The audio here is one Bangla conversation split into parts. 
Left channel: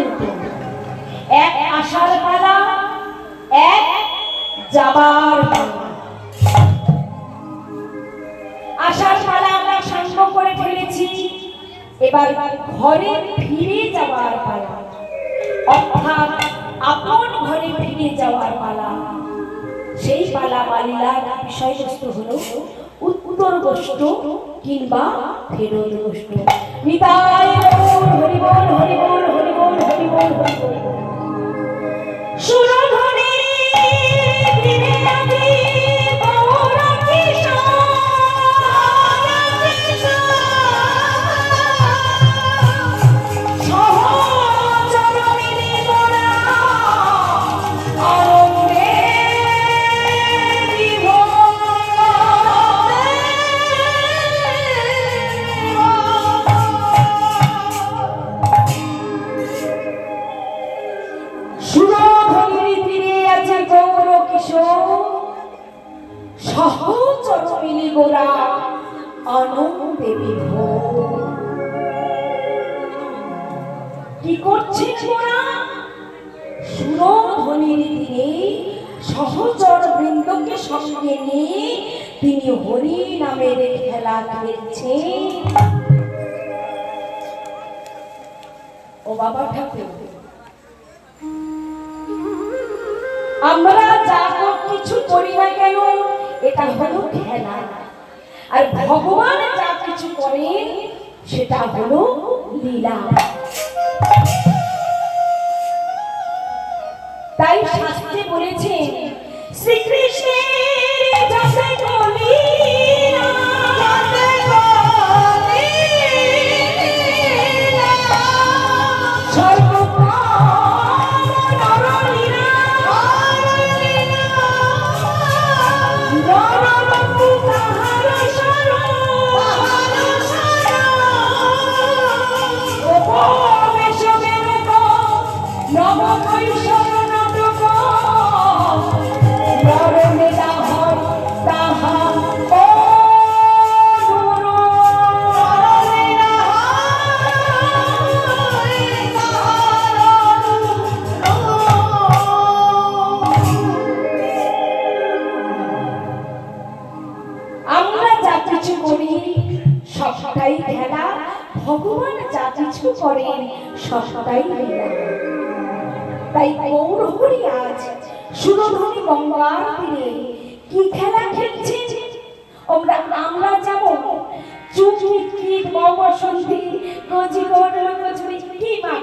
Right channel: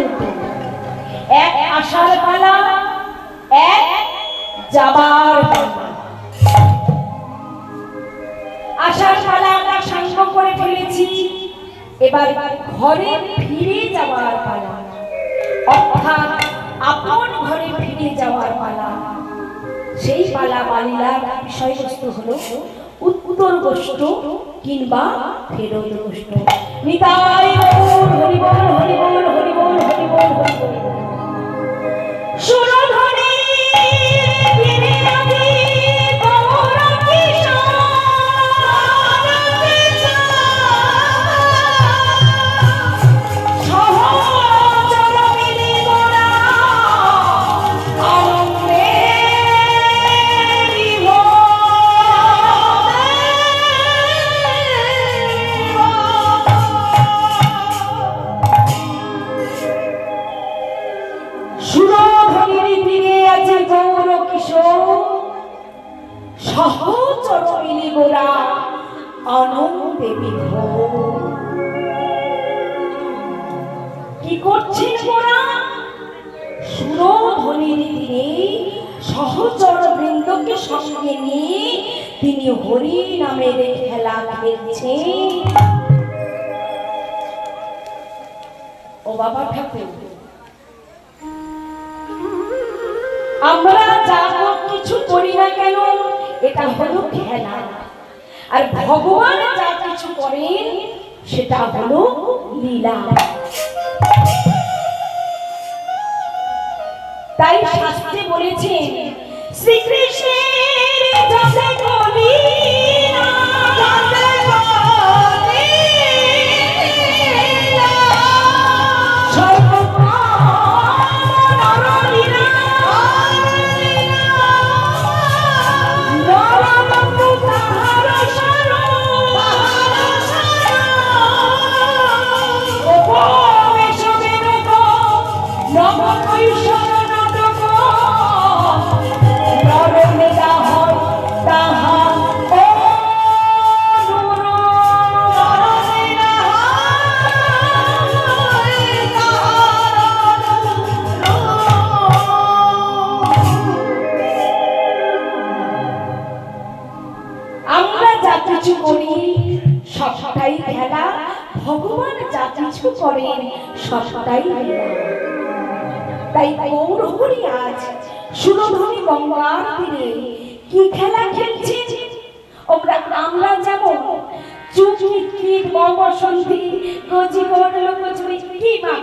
দুটো, এক আসার পালা, এক যাবার পালা। আসার পালা আমরা সাঙ্গ করে ফেলেছি, এবার ঘরে ফিরে যাওয়ার পালা, অর্থাৎ আপন ঘরে ফিরে যাওয়ার পালা। সেই পালা পালিলার বিষয়বস্তু হলো উত্তর গোষ্ঠ কিংবা ফেরত গোষ্ঠ। নিতাই হরি বল হরি বল হরি বল হরি বল হরি বল। সুরধনী ফিরে আজি গৌর কিশোর, সহচর মিলি মোরা আনন্দে সুরধনীর তীরে আছে গৌর কিশোর, সহচর মিলি গোরা আনন্দে বিভোর। কি করছেন গোরা? সুরধনীর তীরে সহচর বৃন্দকে সঙ্গে নিয়ে তিনি হরি নামের খেলা খেলছেন। ও বাবা ঠাকুর, আমরা যা কিছু করি না কেন এটা হলো খেলা, আর ভগবান যা কিছু করেন সেটা হলো লীলা। তাই শাস্ত্রে বলেছেন শ্রীকৃষ্ণের যাতে বলি না, যাতে বলি না, সবটাই খেলা, ভগবান যা কিছু করেন সবটাই লীলা। তাই গৌর হরি আজ সুরধনী গঙ্গার তীরে কি খেলা খেলছেন? আমরা যেমন চুপচিত বসন্তী গজি লোকচুরি কি মা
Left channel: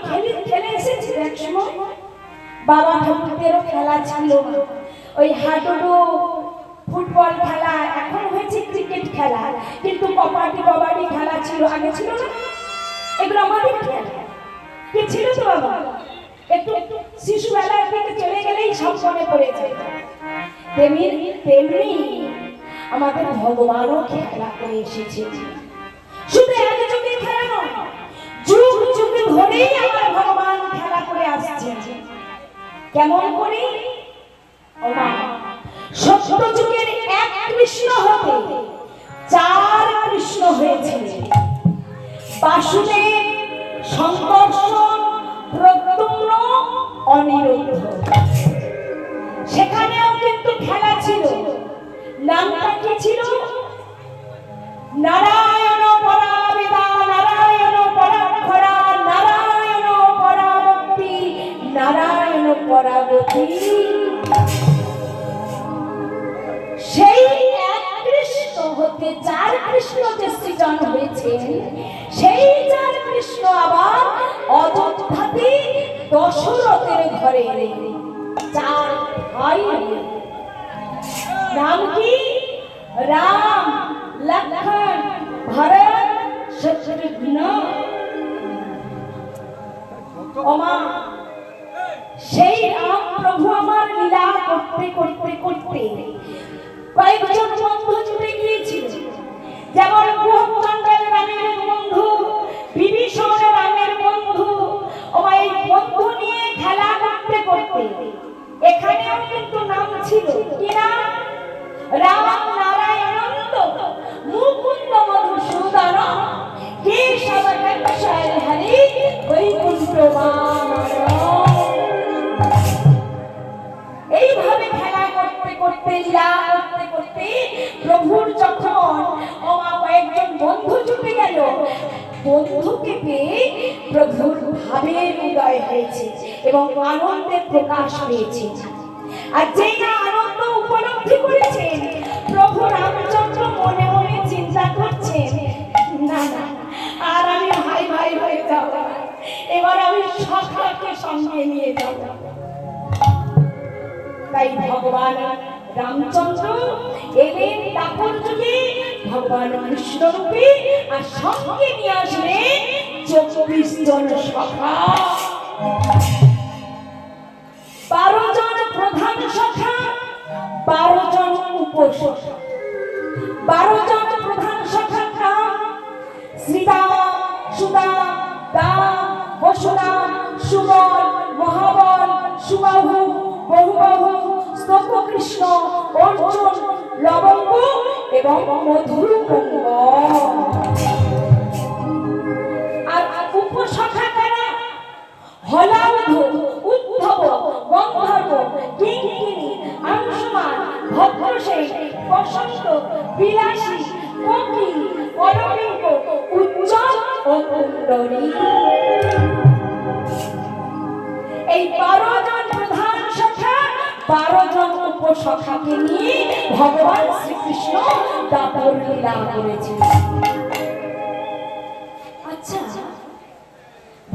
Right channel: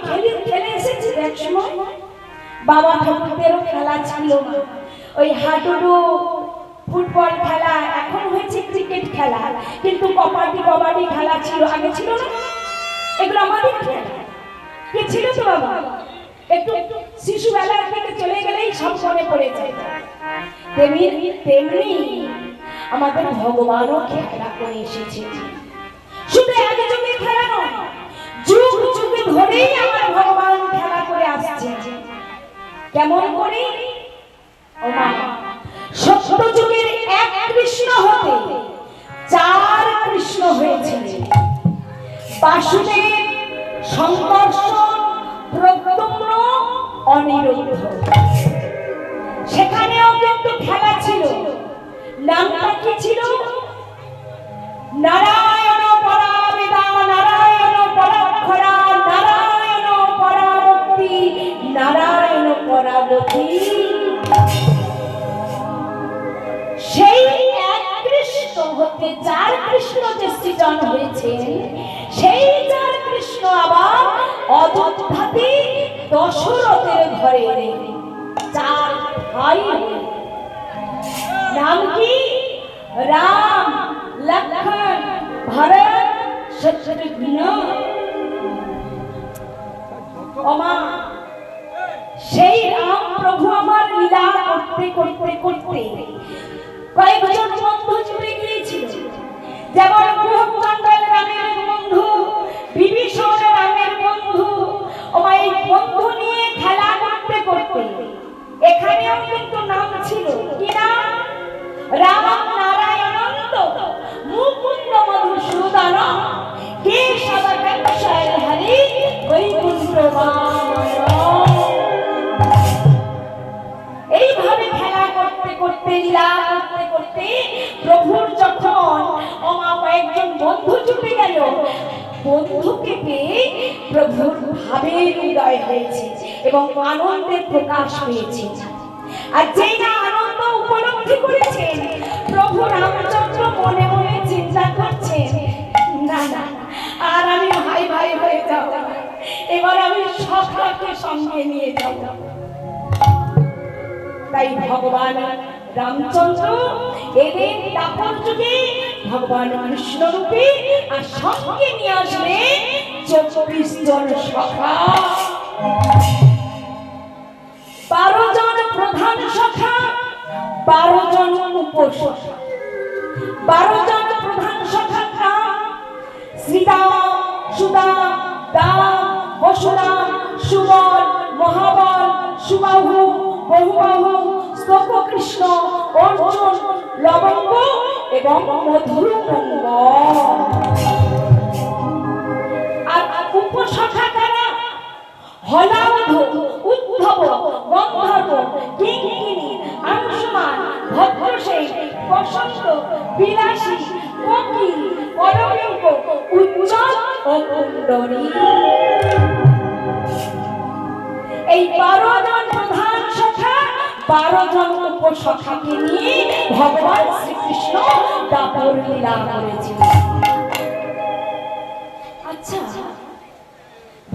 খেলে এসেছি এক সময়। বাবা ঠাকুরদেরও খেলা ছিল, ওই হাডুডু ফুটবল খেলা, এখন হয়েছে ক্রিকেট খেলা, কিন্তু কবাডি খেলা ছিল, আগে ছিল না। এগুলো আমাদের খেলা কি ছিল তো বাবা? একটু শিশুবেলার দিকে চলে গেলেই সব মনে পড়ে যায়। তেমনি আমাদের ভগবানও খেলা করে এসেছে। শুধু এক যুগে খেলা নয়, যুগ যুগ ধরেই আমার ভগবান খেলা করে আসছে। কেমন করে? ও মা, সত্য যুগের এক কৃষ্ণ হতে চার কৃষ্ণ হয়েছিল। বাসুদেব, সংকর্ষণ, প্রদ্যুম্ন, অনিরুদ্ধ। সেখানেও কিন্তু খেলা ছিল। নামটা কি ছিল? নারায়ণ পরাবেদা, নারায়ণ পরাক্ষরা, নারায়ণ পরামুক্তি, নারায়ণ পরাগতি। সেই এক কৃষ্ণ হতে চার কৃষ্ণ যে সৃজন হয়েছে, সেই চার কৃষ্ণ আবার অযোধ্যাতে দশরথের ঘরে চার ভাই। নাম কি? রাম, লক্ষ্মণ, ভরত, শত্রুঘ্ন। ওমা, সেই রাম প্রভু আমার লীলা করতে করতে করতে কয়েকজন বন্ধু জুড়ে গিয়েছিল। যেমন কুহকচণ্ডাল রামের বন্ধু, বিভীষণ রামের বন্ধু। ওই বন্ধু নিয়ে খেলা করতে করতে এখানেও কিন্তু নাম ছিল কি নাম? রাম নারায়ণানন্দ মুকুন্দ মধুসূদন কেশব কাঞ্চন হরি বৈকুণ্ঠ বামন। ভাবের উদয় হয়েছে এবং আনন্দের প্রকাশ পেয়েছে। আর যেই না আনন্দ উপলব্ধি করেছেন, প্রভু রামচন্দ্র মনে মনে চিন্তা করছেন, না না, আর আমি ভাই ভাই হয়ে যাব না, এবার আমি সখাকে সঙ্গে নিয়ে যাব। তাই ভগবান রামচন্দ্র এলেন দাপর যুগে ভগবান কৃষ্ণ রূপে, আর সঙ্গে নিয়ে আসলেন 24 জন সখা, 12 জন প্রধান সখা, 12 জন উপসখা। 12 জন প্রধান সখা নাম শ্রীরাম, সুদাম, দাম, বসুরাম, সুবল, মহাবল, সুবাহু, বহুবাহু, স্তবকৃষ্ণ, অর্জুন, লবঙ্গ এবং মধুমঙ্গল। আর উপসখা কারা? হলাউধ, উদ্ধব, গন্ধর্ব, কিঙ্কিণী, অংশুমান, ভদ্রসেন, বসন্ত, বিলাসী, কোকিল, পরমেঙ্গ, উজ্জ্বল ও কুণ্ডলী। এই 12 জন প্রধান সখা, 12 জন উপসখাকে নিয়ে ভগবান শ্রীকৃষ্ণ দাপর লীলা করেছেন। আচ্ছা,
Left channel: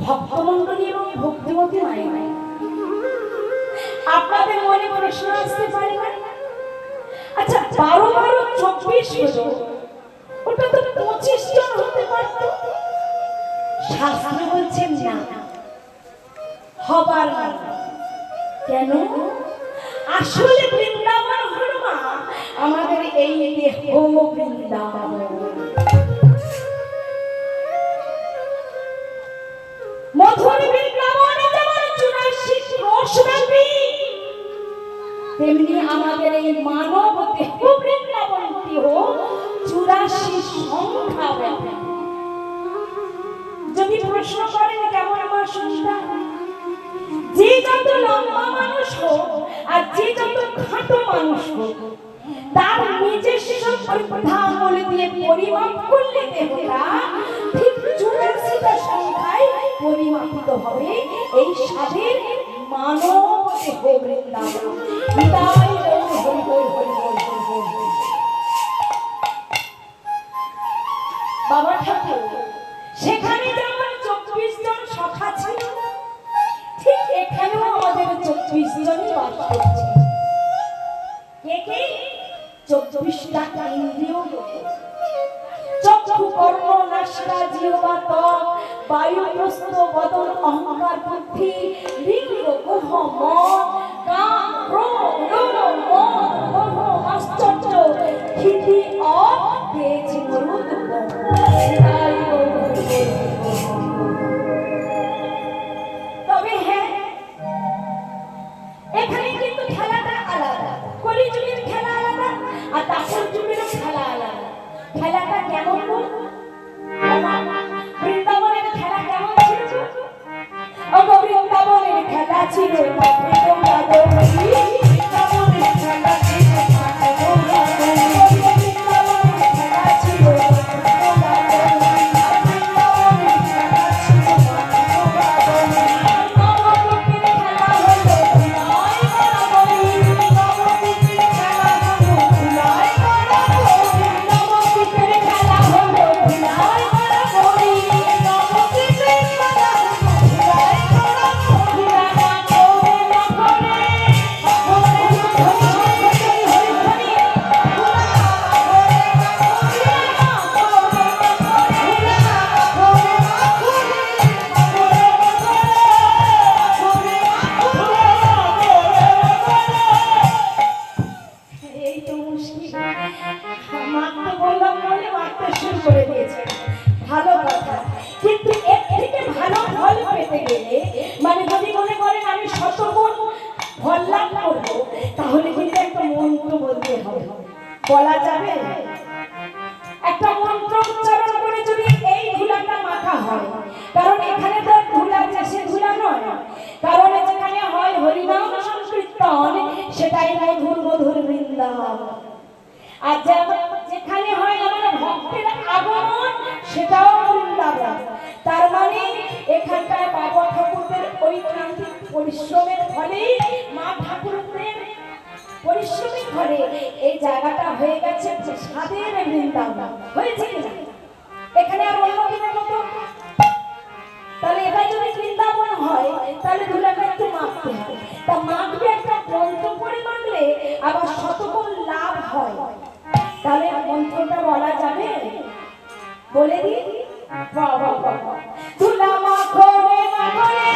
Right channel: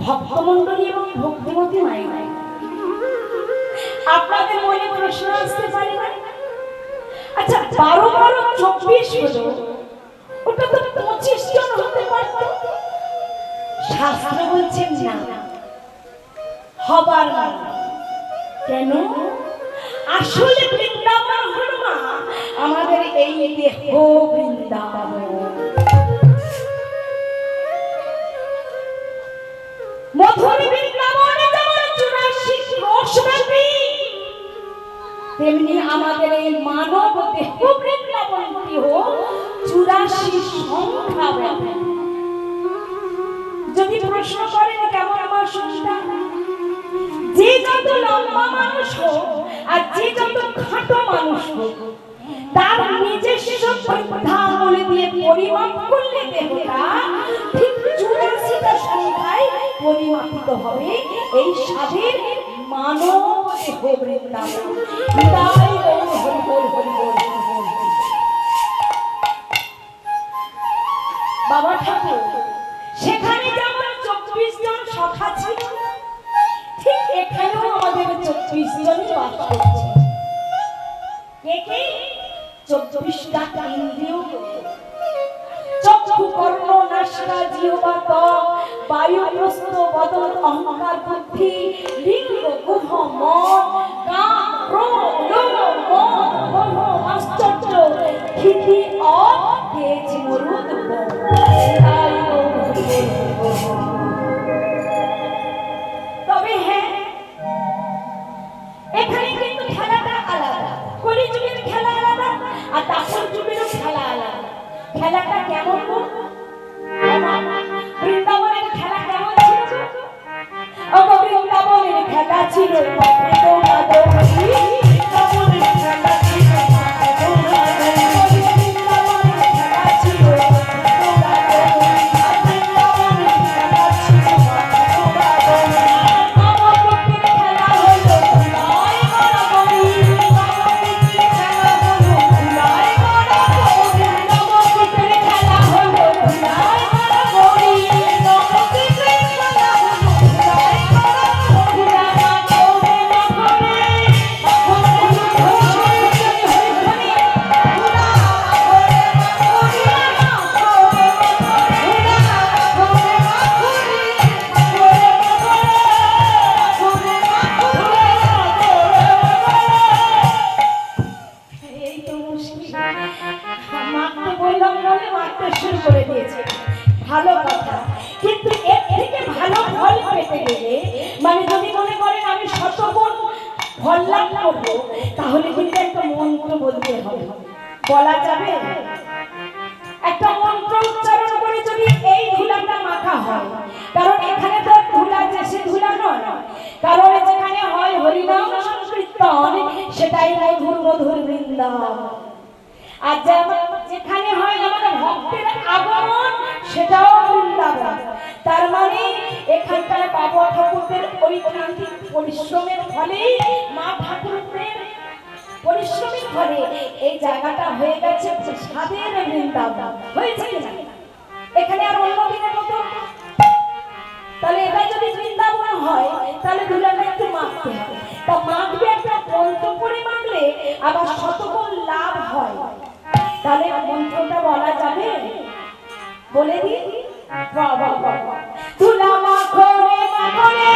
ভক্তমণ্ডলী এবং ভক্তিমতী মাই, আপনাদের মনে প্রশ্ন আসতে পারে না? আচ্ছা, 12 12 24 হলো, ওটা তো 25 জন হতে পারত। শাস্ত্র বলছেন না, হবার না। কেন? আসলে বৃন্দাবন হলো মা আমাদের এই দেহ বৃন্দাবন। মধুর বৃন্দাবনে যেমন 84 ক্রোশব্যাপী, তেমনি আমাদের এই মানব দেহ বৃন্দাবনটিও 84 সংখ্যাব্যাপী। যদি প্রশ্ন করেন কেমন আমার সংখ্যা, যে যত লম্বা মানুষ হোক আর যে যত খাটো মানুষ হোক, তার নিজস্ব পরিধানগুলি দিয়ে পরিমাপ করলে দেহটা ঠিক 84টা সংখ্যায় পরিমাপিত হবে। এই স্বাদের মানব দেহ বৃন্দাবন। তাই হরি বল, হরি বল, হরি বল। বাবা ঠাকুর সেখানে যেমন 24 জন সখা ছিল, ঠিক এখানেও আমাদের 24 জনই বাস করছে। কে কে? 24টা ইন্দ্রিয়, চক্ষু, কর্ণ, নাসিকা, জিহ্বা, ত্বক, বায়ু, প্রস্থ, বদন, অহংকার, বুদ্ধি, লিঙ্গ, গুহ, মন, কাম, ক্রোধ, লোভ, মদ, মোহ, আশ্চর্য, ক্ষিতি, তেজ, মরুদ, তবে হ্যাঁ, এখানে কিন্তু খেলাটা আলাদা। কলিযুগের খেলা আলাদা আর দাপর যুগের খেলা আলাদা। খেলাটা কেমন? বৃন্দাবনের খেলা কেমন ছিল? বৃন্দাবনের খেলা ছিল তাহলে কিন্তু একটা মন্ত্র বলতে হবে। বলা যাবে? একটা মন্ত্র উচ্চারণ করে যদি এই ধুলাটা মাখা হয়, কারণ এখানে তো ধুলা যে সে ধুলা নয়, কারণ যেখানে হয় হরিনাম সংকীর্তন, সেটাই মধুর মধুর বৃন্দাবন। আর যেখানে হয় আমার ভক্তের আগমন, সেটাও বৃন্দাবন। তার মানে এখানকার বাবা ঠাকুরদের ঐকান্তিক পরিশ্রমের ফলে, মা ঠাকুরদের পরিশ্রমের ফলে এই জায়গাটা হয়ে গেছে স্বাদের বৃন্দাবন। হয়েছে কিনা? এখানে আর অন্য দিনের মতো, তাহলে এবার যদি বৃন্দাবন হয় তাহলে দুলাটা একটু মাখতে হবে। তা মাখবে একটা মন্ত্র করে মাখলে আবার শতগুণ লাভ হয়। তাহলে মন্ত্রটা বলা যাবে? বলে দিই, বাবা বাবা দুলা মাখো রে মাখো রে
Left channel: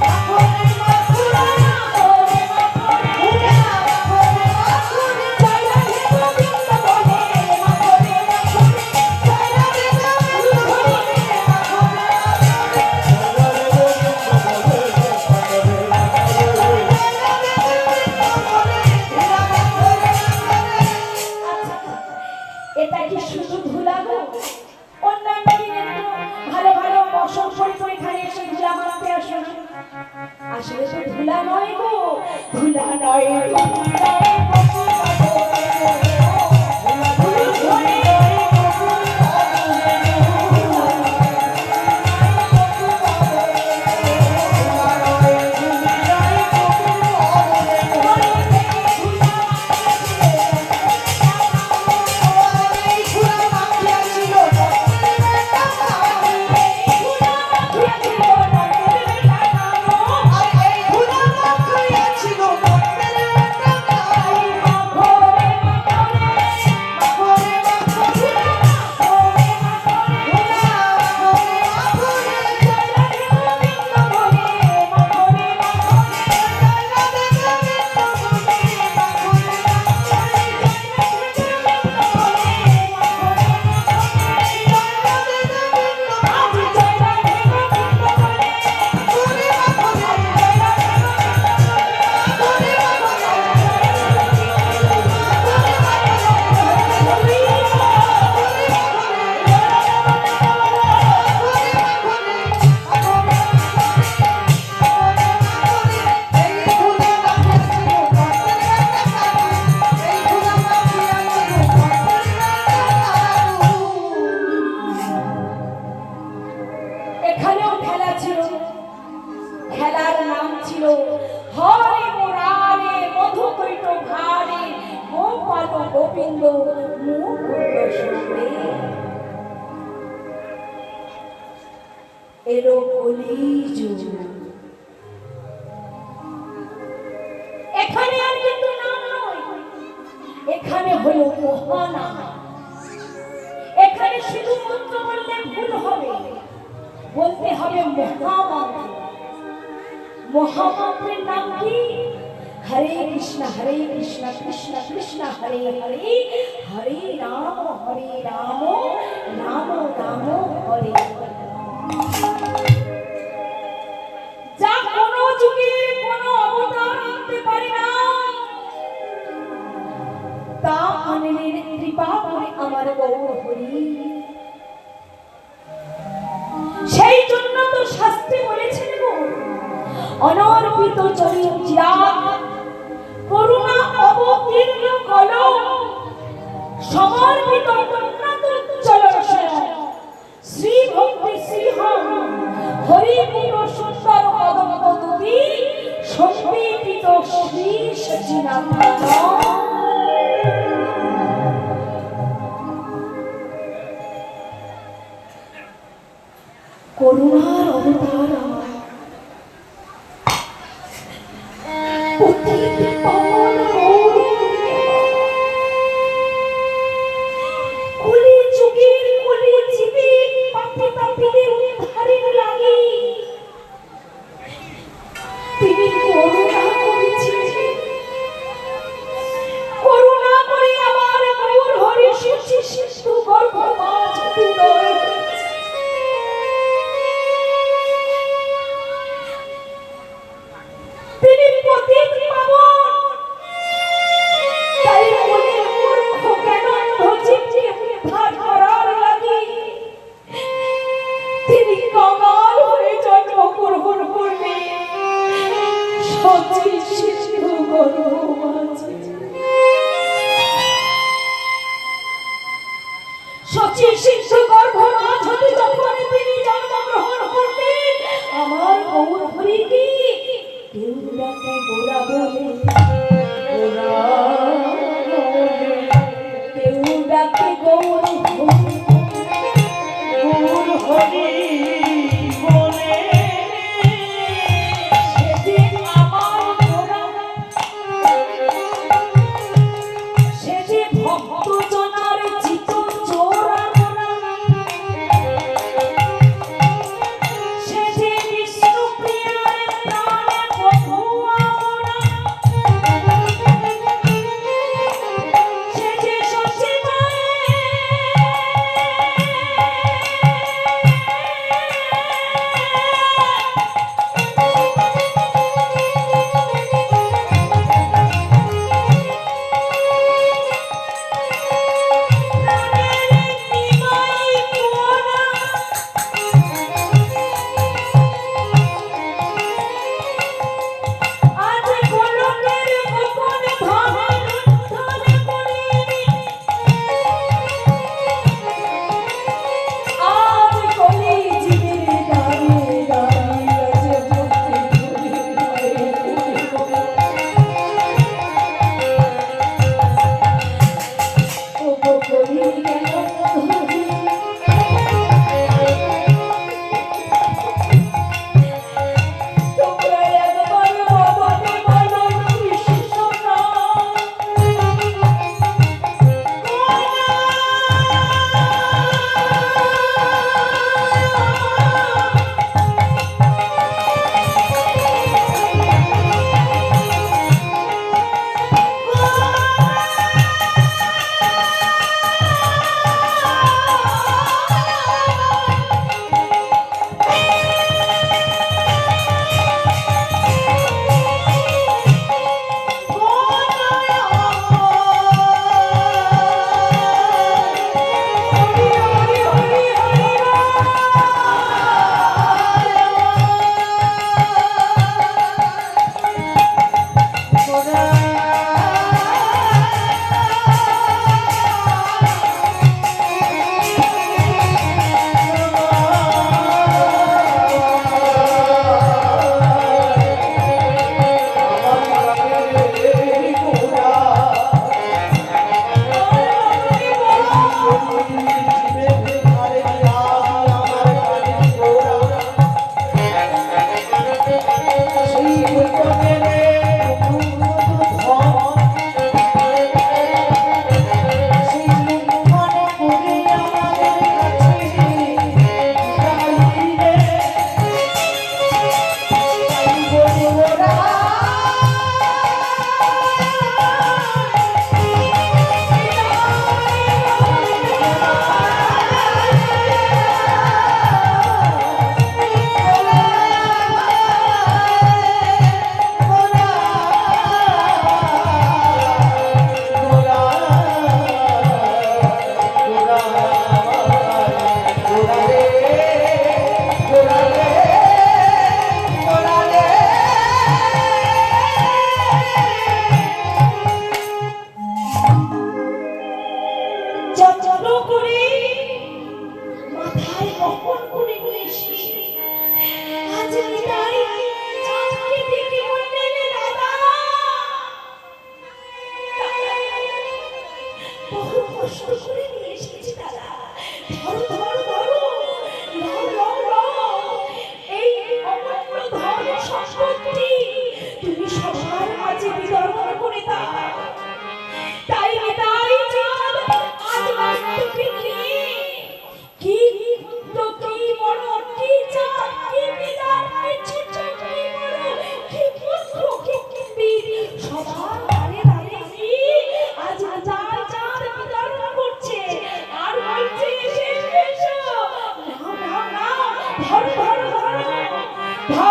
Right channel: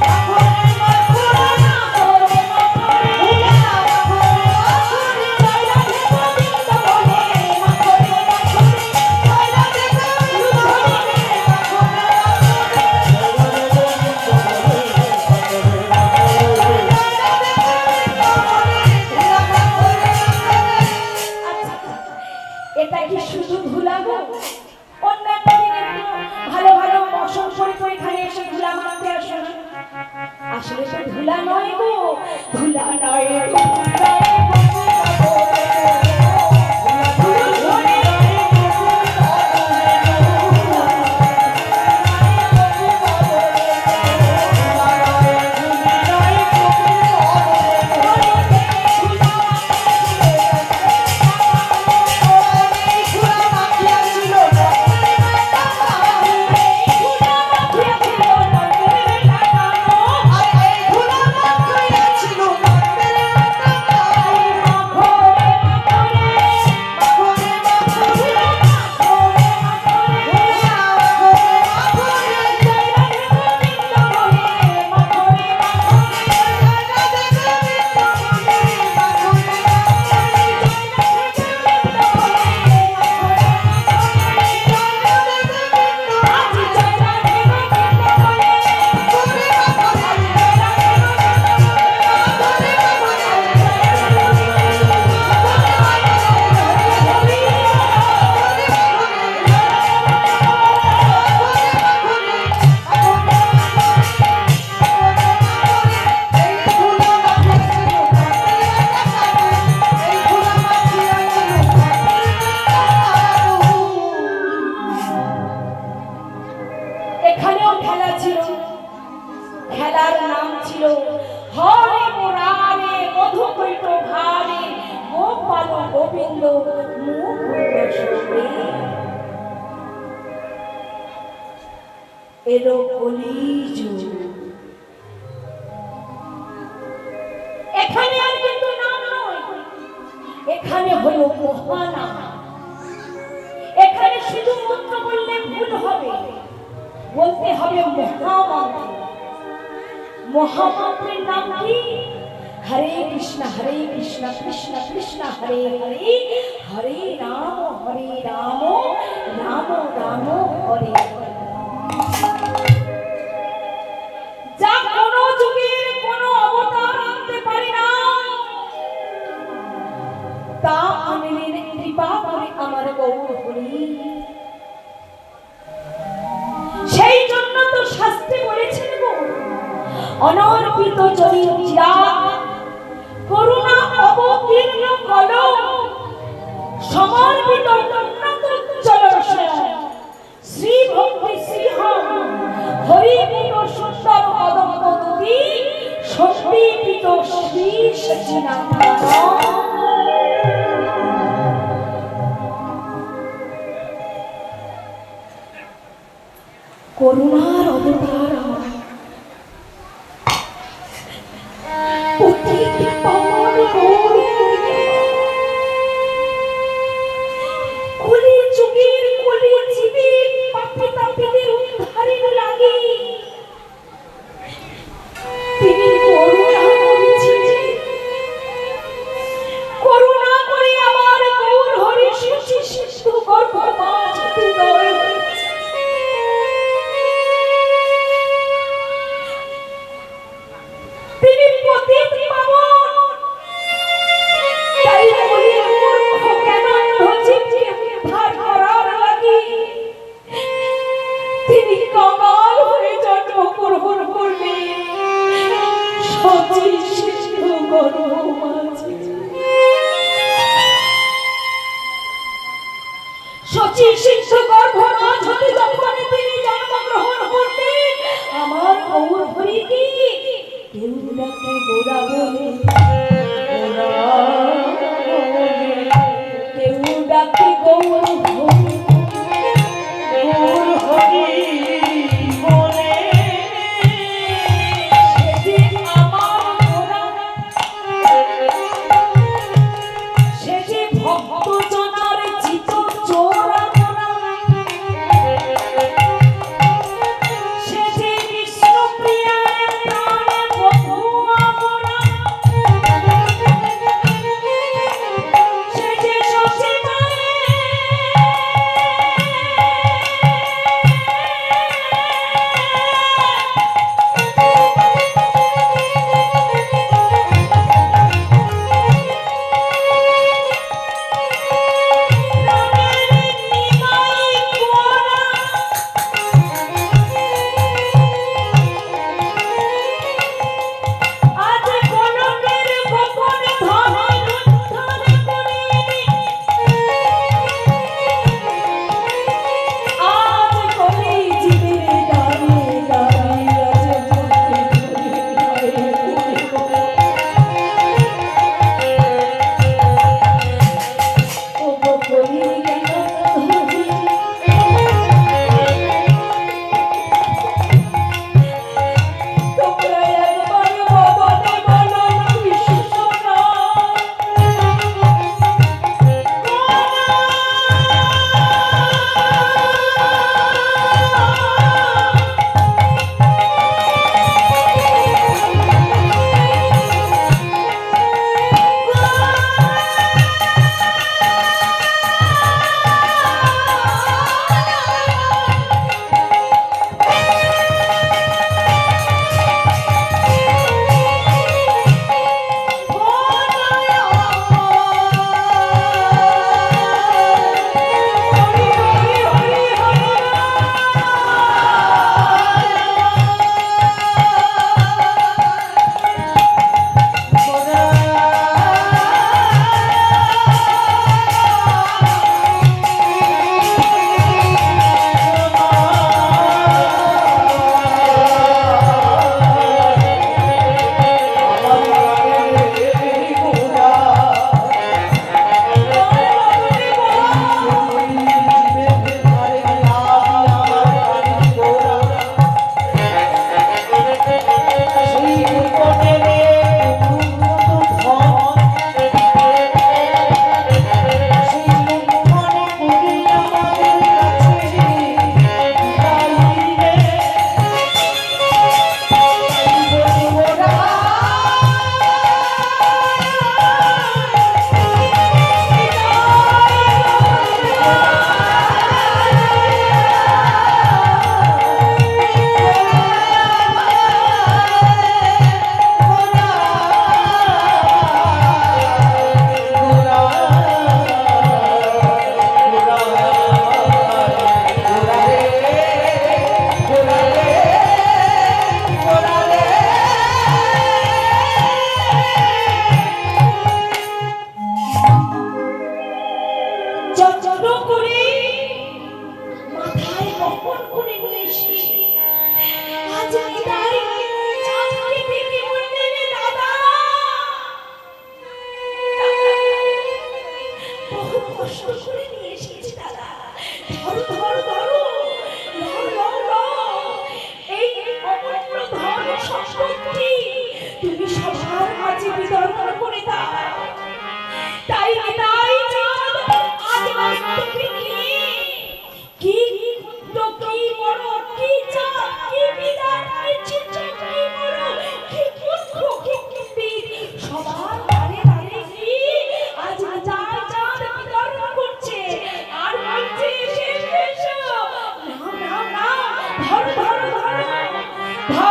মাখো রে মাখো রে মাখো রে মাখো রে দুলা মাখো রে মাখো রে জয়লা দেব বৃন্দাবনে মাখো রে মাখো রে জয়লা দেব বৃন্দাবনে মাখো রে মাখো রে। এটা কি শুধু ধুলা গো? অন্যান্য দিনে ভালো ভালো বসন করে করে খালি এসে ধুলা মারতে আসে না। আসলে তো ধুলা নয় গো, ধুলা নয় এখানে আর কিন্তু নাম নয়, এখানে হলো মহানাম। এখানে শুধু মন্ত্র বললে ভুল হবে, বলতে হবে মহামন্ত্র। মহামন্ত্রের নাম কি? হরে কৃষ্ণ কৃষ্ণ কৃষ্ণ হরে হরে, হরে রাম রাম রাম হরে হরে। যা কোন যুগের কোন অবতার আনতে পারে না, তা আনলেন কৃপা করে আমার গৌর হরি। সেই জন্য তো শাস্ত্রে বলেছেন গো, অনর্পিত চরিত্রা করুণা অবতীর্ণ কল, সমর্পিত উন্নত চলশয় শ্রী ভক্তি শ্রীহম হরি পুর সুন্দর কদম্ব তুমি সন্দীপিত শ্রী সচিনাথ। করুণার অবতার কেউ ডাকে গোরা বলে, কেউ ডাকে গৌর হরি বলে। সে যে আমার গোরা, সে যে ভক্ত জনার চিত চোরা গোরা, সে যে বিষ্ণু প্রিয়া প্রাণ প্রভু আমরা, সে যে সচিবায়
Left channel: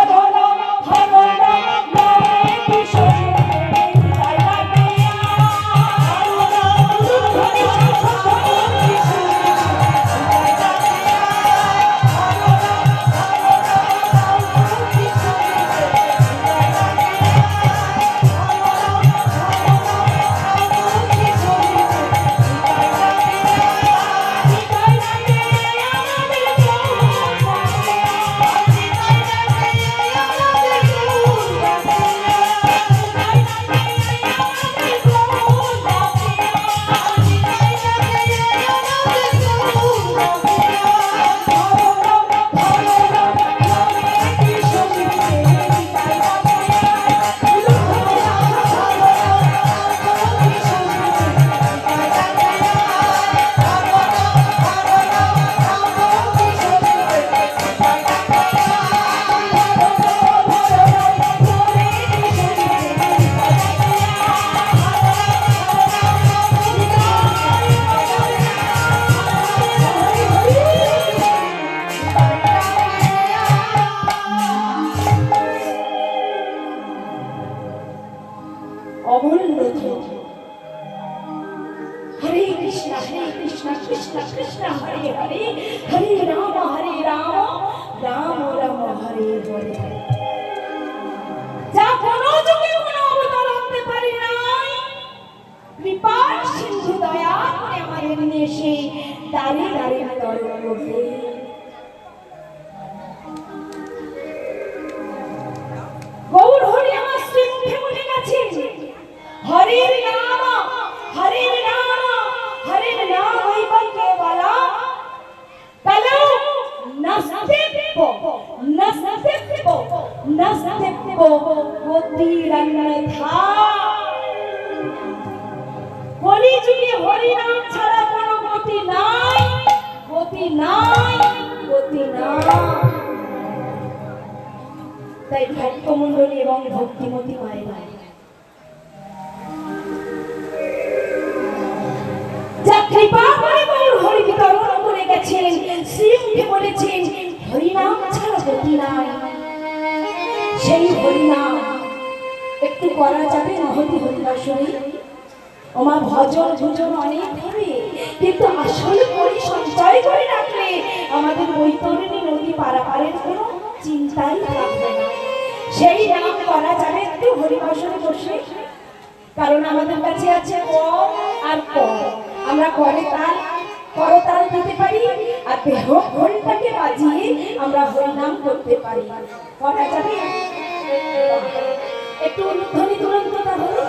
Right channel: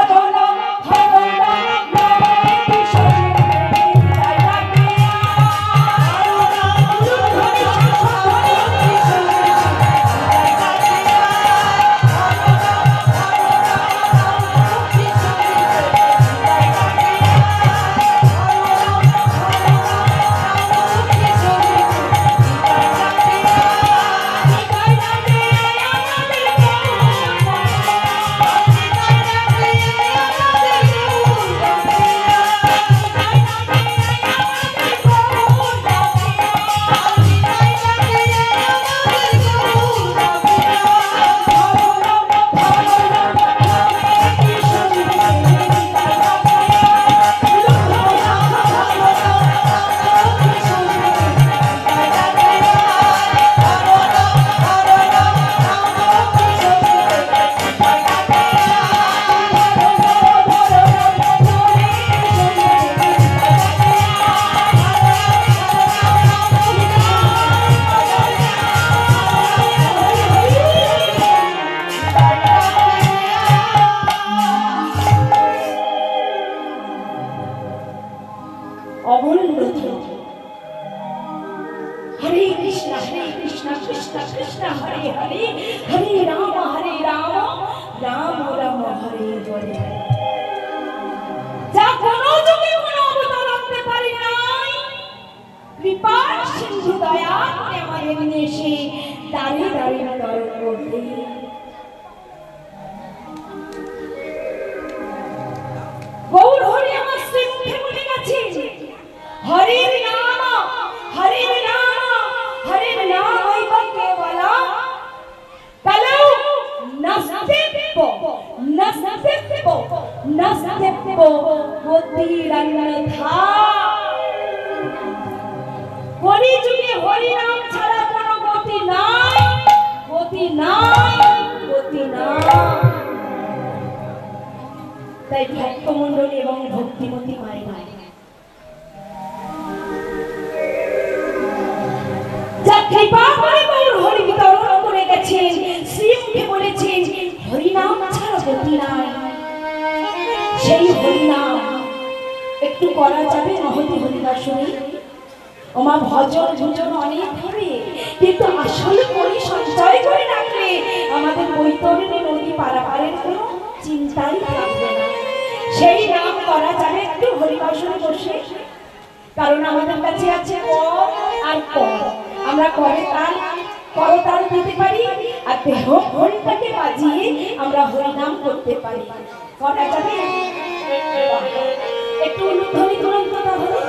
ধরো না ধরো কৃষ্ণ কৃষ্ণ কৃষ্ণ হরে হরে হরে রাম রাম রাম হরে হরে। যা কোনো যুগে কোনো অবতার আনতে পারি নাই, কৃপার সিন্ধু দয়া করে আমাদের নিয়ে এসে দাঁড়িয়ে দাঁড়িয়ে তরণ করতে। গৌর হরি আমার শ্রী মুখে বলে গেছে, হরির নাম হরির নাম হরির নাম হইবে বলা পেলো নস্তেপ নস্তেপ নস্তেপ গতিরন্যথা। হরি যুগে হরি নাম ছাড়া কোনো গতি নাই, গতি নাই, গতি নাই। তাই ভক্তমণ্ডলী এবং ভক্তিমতী মায়েরা যা কৃপা করে গৌর হরি বিতরণ করে গেছেন, শ্রীমুখে বলেছেন হরিনাম ছাড়া গতি নাই। সেই হরিনাম একটু করা যাবে মহতি হরিদাসনী? ওমা ভজন ভজন অনেক হবে, কিন্তু আসলে করে সঞ্চয় করে রাখলে আমাদের বৈতরণী নদী পারাপারের কোনো চিন্তাই থাকবে না। সেই নাম করা যাবে একটু হরিবাসনে বসে, কারণ আমাদের কাছে আছে ক আর ক। আমরা করে তাল করতাল দিতে পারি, আর দেহ ঘন্টাকে বাজিয়ে আমরা হরিনাম করতে পারি। করা যাবে? একটু উলুধ্বনি তুলন তো তাহলে।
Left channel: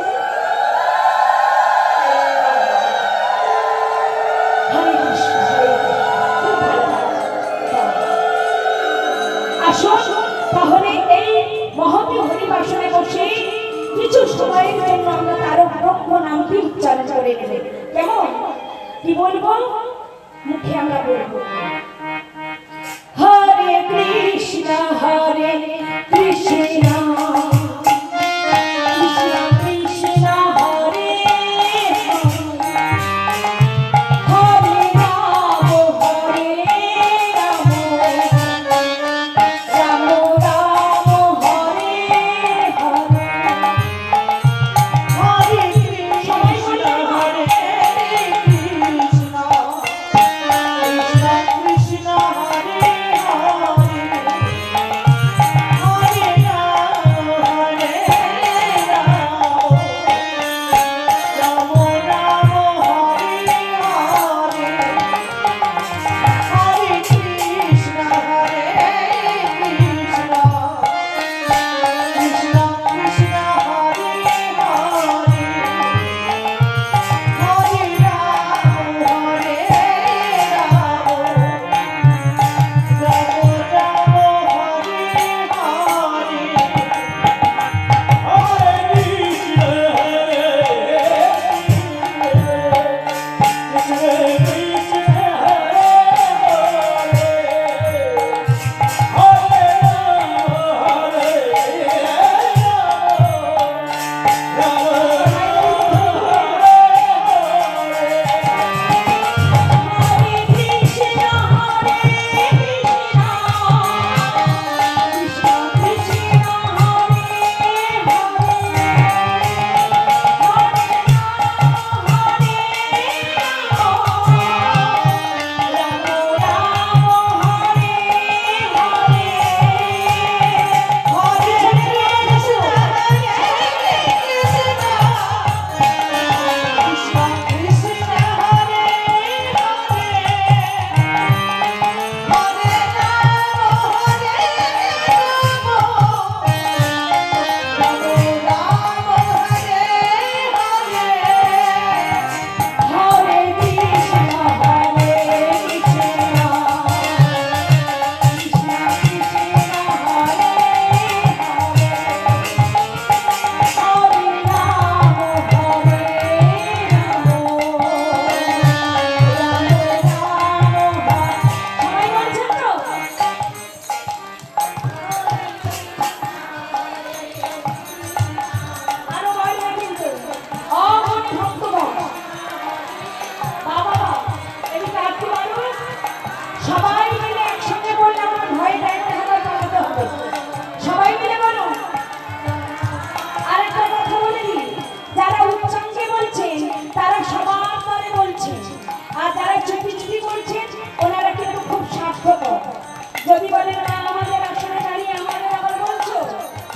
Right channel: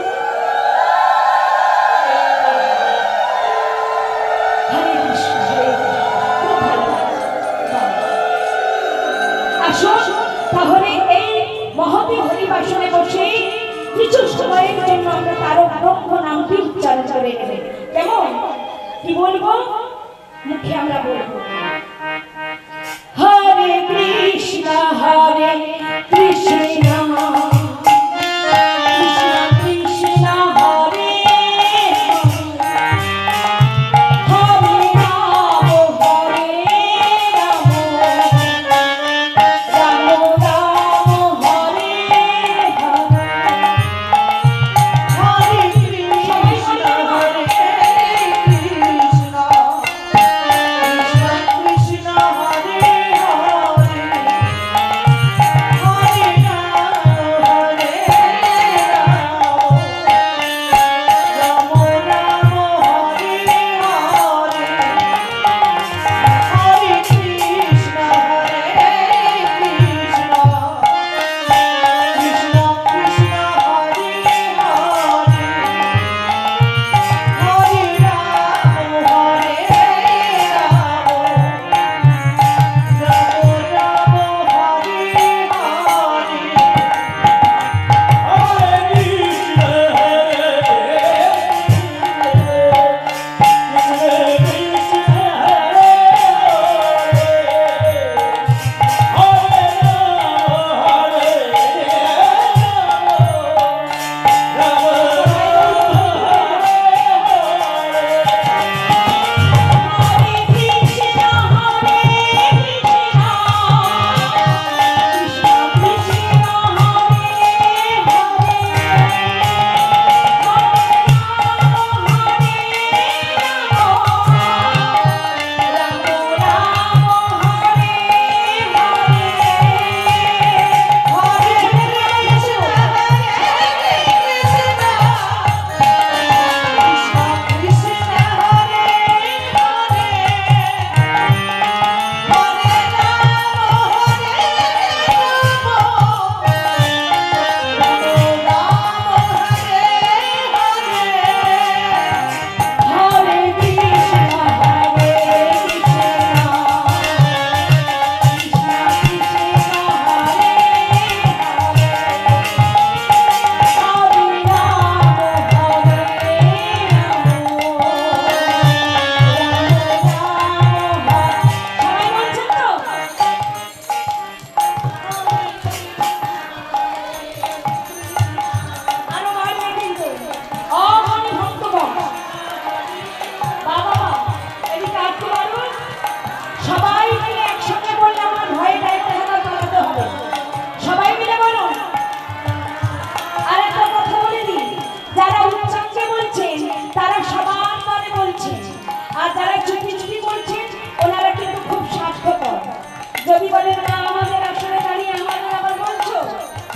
হরে কৃষ্ণ হরে খুব ভালো আসো তাহলে এই মহতি হরিবাসনে বসে কিছু সময়ের জন্য আমরা তার ব্রহ্ম নামটি উচ্চারণ করে নেবে। কেমন? কি বলবো? মুখে আমরা বলবো হরে কৃষ্ণ কৃষ্ণ কৃষ্ণ হরে হরে রাম রাম রাম হরে হরে। হরে কৃষ্ণ হরে কৃষ্ণ কৃষ্ণ কৃষ্ণ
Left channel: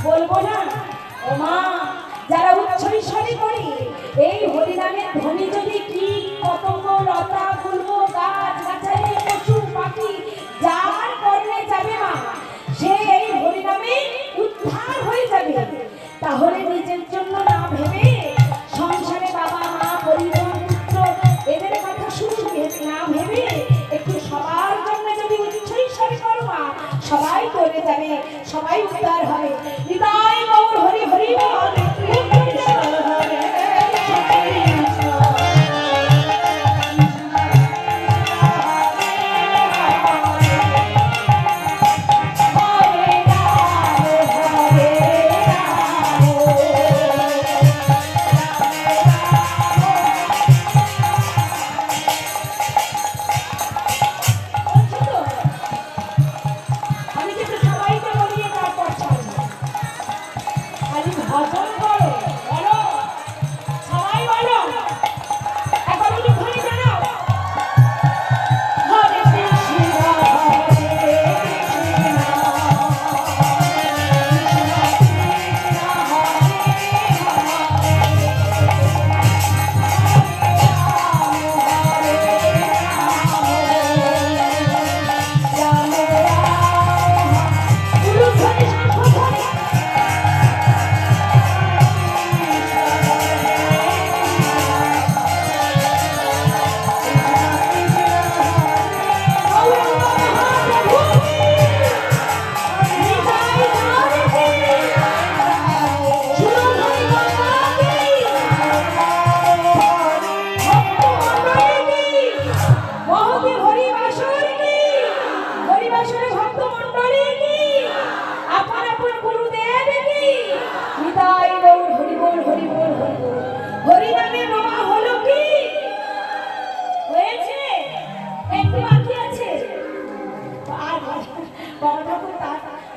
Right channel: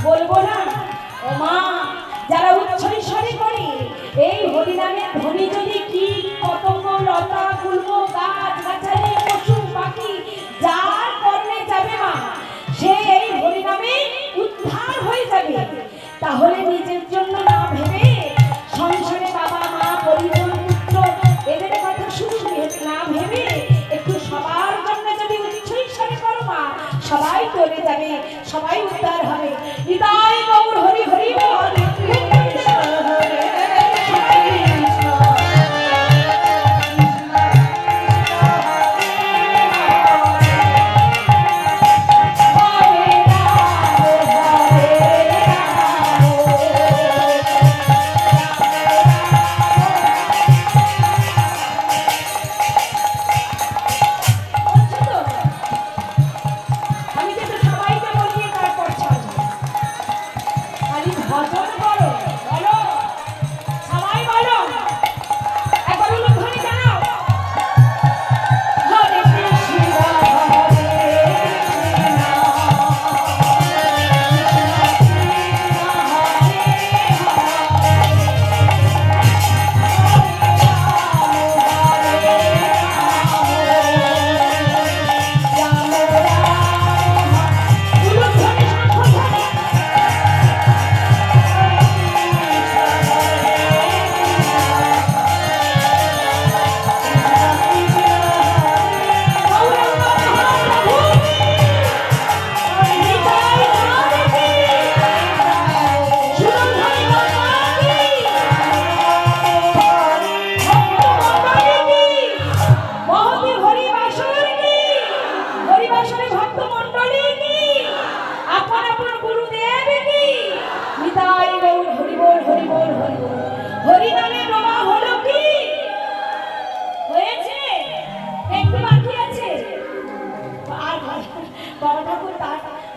বলবো না ও মা, যারা উচ্চৈঃস্বরে করে এই হরিনামের ধ্বনি যদি কি পতঙ্গ লতা ফুলব গাছ গাছালি পশু পাখি যার কর্ণে যাবে মা, সে এই হরিনামে উদ্ধার হয়ে যাবে। তাহলে নিজের জন্য না ভেবে সংসারে বাবা মা পরিজন পুত্র এদের কথা শুধু না ভেবে একটু সবার জন্য যদি উচ্চৈঃস্বরে করো মা, সবাই করে যাবে, সবাই উদ্ধার হবে। হৃদয় গৌর হরি হরি বল।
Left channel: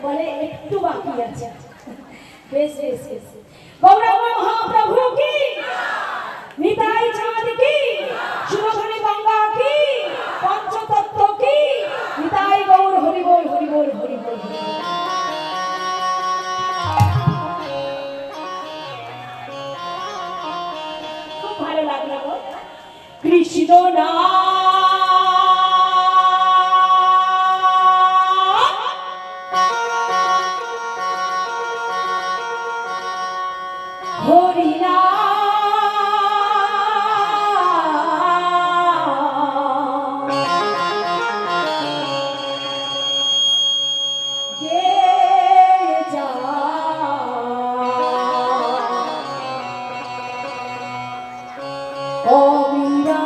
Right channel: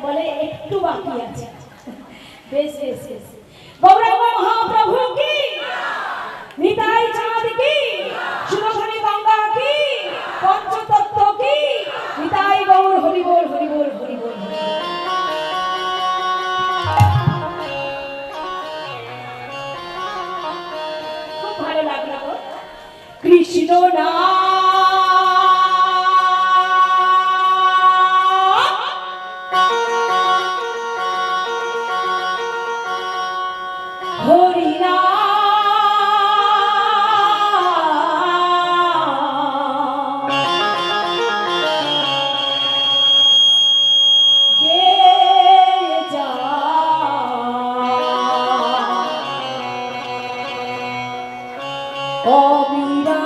বলে একটু বাকি আছে। বেশ বেশ বেশ। গৌরাঙ্গ মহাপ্রভু কি, নিতাই চাঁদ কি, সুরধনী গঙ্গা কি, পঞ্চতত্ত্ব কি, নিতাই গৌর হরি বল হরি বল হরি বল। খুব ভালো লাগলো কৃষ্ণ না হরিনা গে যা অবিরা